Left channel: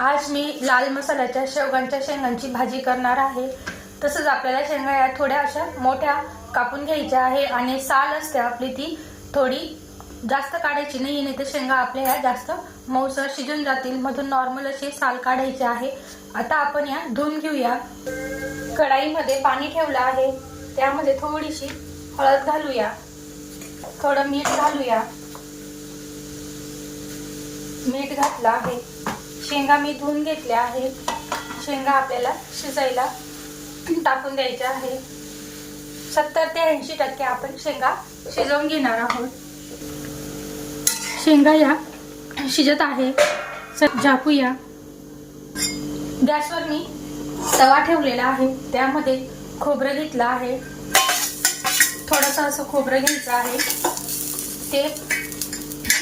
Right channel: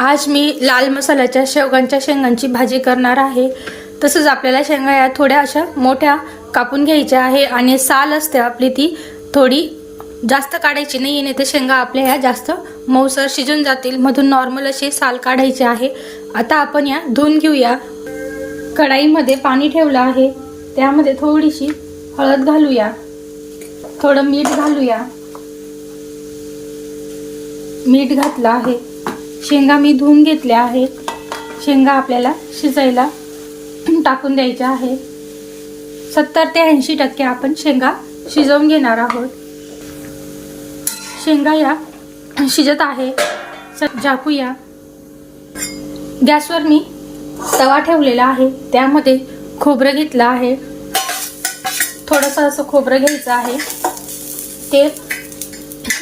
आज मी लाल मसाल्याच्या शेवगांच्या शेंगांची भाजी करणार आहे. तसंच आपल्याला शेंगा या थोड्या अशा मोठ्या कापून घ्यायच्या आहे आणि साल असते आपली ती थोडी जास्त काढायची नाही नाही तर शेंगा आपल्या ह्या जास्त मऊसर शिजून जातील. मधून नॉर्मल अशी साल काढायची आहे. आता आपण या धुवून घेऊया. कढाईमध्ये पाणी ठेवलं आहे. त्यामध्ये थोडीशी हळद घालूया. थोडं मीठ घालूया. मीठ घातलं आहे. शेंगा मी धुवून घेतल्या आहे शेंगा आपल्याला शिजायला टाकून द्यायच्या आहे सत्तर ते ऐंशी टक्के आपण शेंगा शिजवून घेणार आहोत. शेंगा या शिजत आहे. स- झाकूया गॅसवर मी तवा ठेवलेला आहे. त्यामध्ये खोबरं घेतलं आहे. थोडंसं असं खोबरं घ्यायचं आहे. ते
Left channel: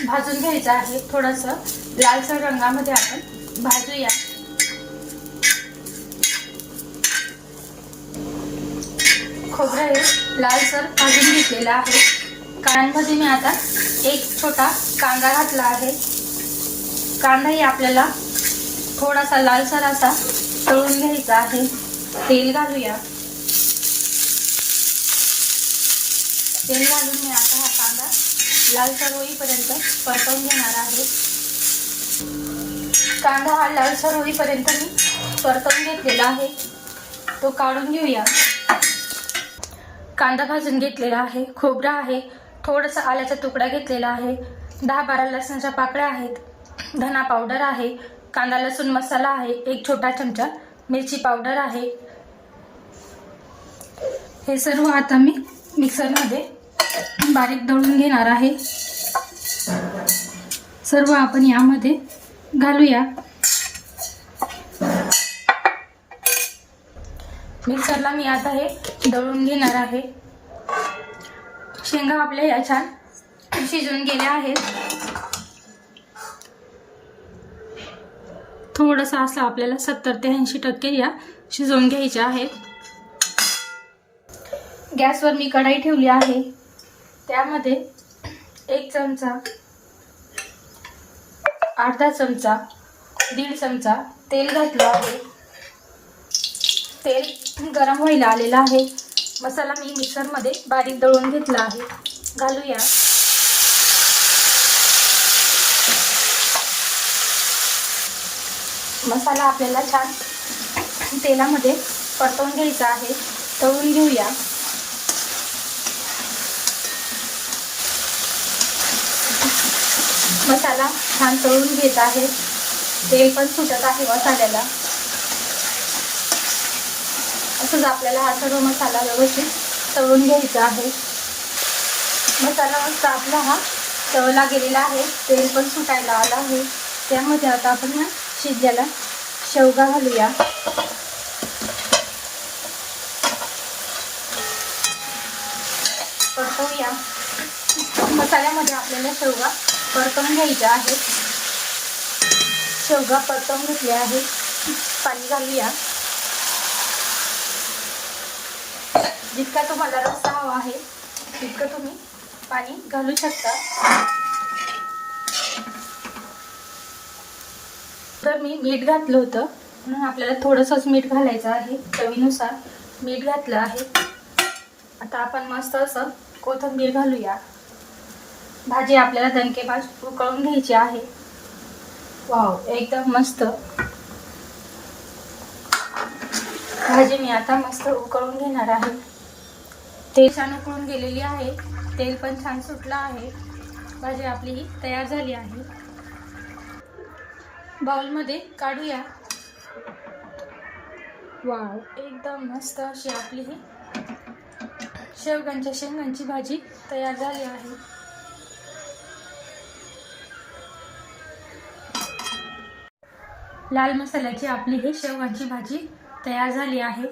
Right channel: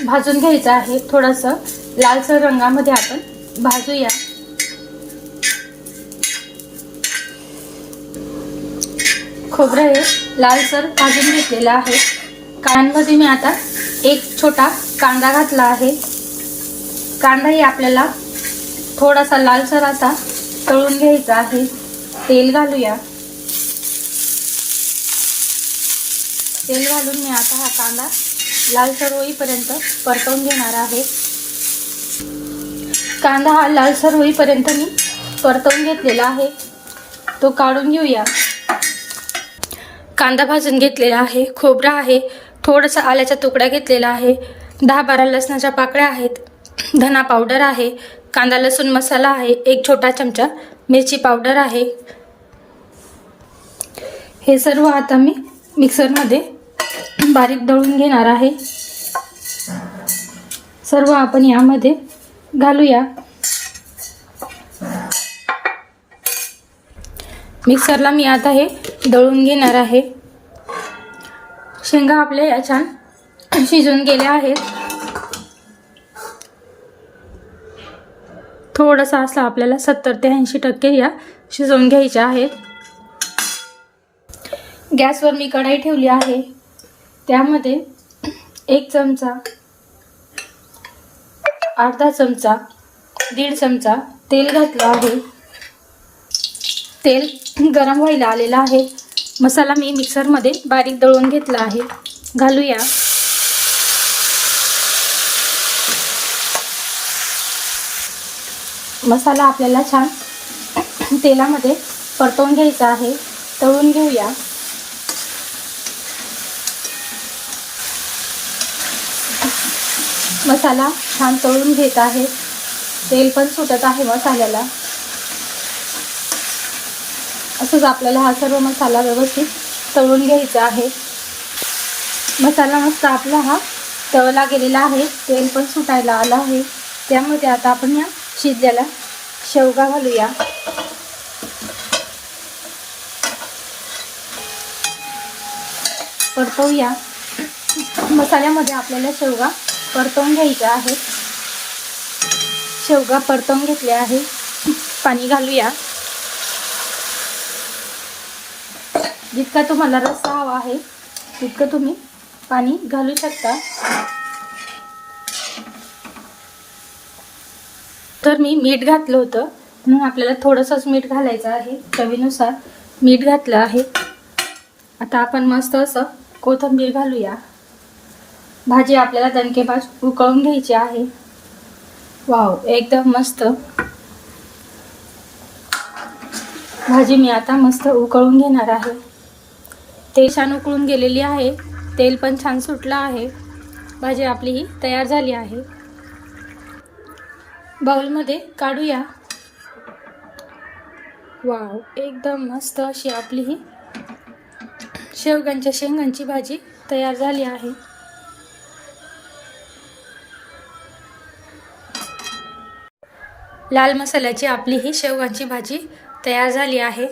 भाजून घ्यायचं आहे. थोडंसं लालसर रंगामध्ये आपण भाजूया. खोबरं हे लालसर भाजून घेतलेलं आहे. कांद्यामध्ये मी आता एक छोटा कांदा घातला आहे. कांदाही आपल्याला थोडासा लालसर असा तळून घ्यायचा आहे. तेल घालूया. तेल घालून मी आता हा कांदा लालसर होईपर्यंत परतवून घेणार आहे. कांदा हा लालसर होईपर्यंत मी परतवून घेतलेला आहे. तो काढून घेऊया. कांदा भाजून घेतलेला आहे. खोबरा आहे. थोडासा आल्याचा तुकडा घेतलेला आहे. दहा बारा लसणाच्या पाकळ्या आहेत. धना पावडर आहे. कांदा लसूण मसाला आहे. एक छोटा चमचा मिरची पावडर आहे. हे सर्व आता मी मिक्सरमध्ये बारीक दळून घेणार आहे. सर्व आपण यामध्ये घालूया. मिक्सरला मी आता हे दळून घेणार आहे. शेंगा आपल्या या छान शिजून गेल्या आहेत. थोडंसं असं आपल्याला सत्तर ते ऐंशी टक्के या शिजवून घ्यायच्या आहेत. गॅसवर मी कढाई ठेवली आहे. त्यामध्ये एक चमचा अर्धा चमचा दीड चमचा तेल घातलं आहे. तेल गरम व्हायला आलेलं आहे. मसाला मी मिक्सरमध्ये बारीक दळून घेतला आहे. घालूया. मसाला आपल्याला छान तेलामध्ये परतवून घ्यायचा आहे. तळून घेऊया. मसाला छान तळून घेत आहे. तेल पण सुटत आहे हो मसाल्याला असंच आपल्याला हा सर्व मसाला व्यवस्थित तळून घ्यायचा आहे. मसाला मस्त आपला हा तळला गेलेला आहे. तेल पण सुटायला आला आहे. त्यामध्ये आता आपण या शिजलेला शेवगा घालूया. परतवूया मसाल्यामध्ये आपल्याला शेवगा परतवून घ्यायचं आहे. शेवगा परतवून घेतले आहे. पाणी घालूया. जितका तुम्हाला रस्सा हवा आहे तितकं तुम्ही पाणी घालू शकता. तर मी मीठ घातलं होतं. म्हणून आपल्याला थोडंसंच मीठ घालायचं आहे. चवीनुसार मीठ घातलं आहे. आता आपण मस्त असं कोथिंबीर घालूया. भाजी आपल्याला दणकेबाज उकळून घ्यायची आहे. वाव एकदम मस्त. भाजी मी आता मस्त उकळून घेणार आहे. तेल छान उकळून गेलेली आहे. तेल पण छान सुटलं आहे. भाजी आपली ही तयार झाली आहे. बाउलमध्ये काढूया. वाव एकदम मस्त अशी आपली ही शेवगांच्या शेंगांची भाजी तयार झाली आहे. लाल मसाल्याची आपली ही शेवगांची भाजी तयार झाली आहे.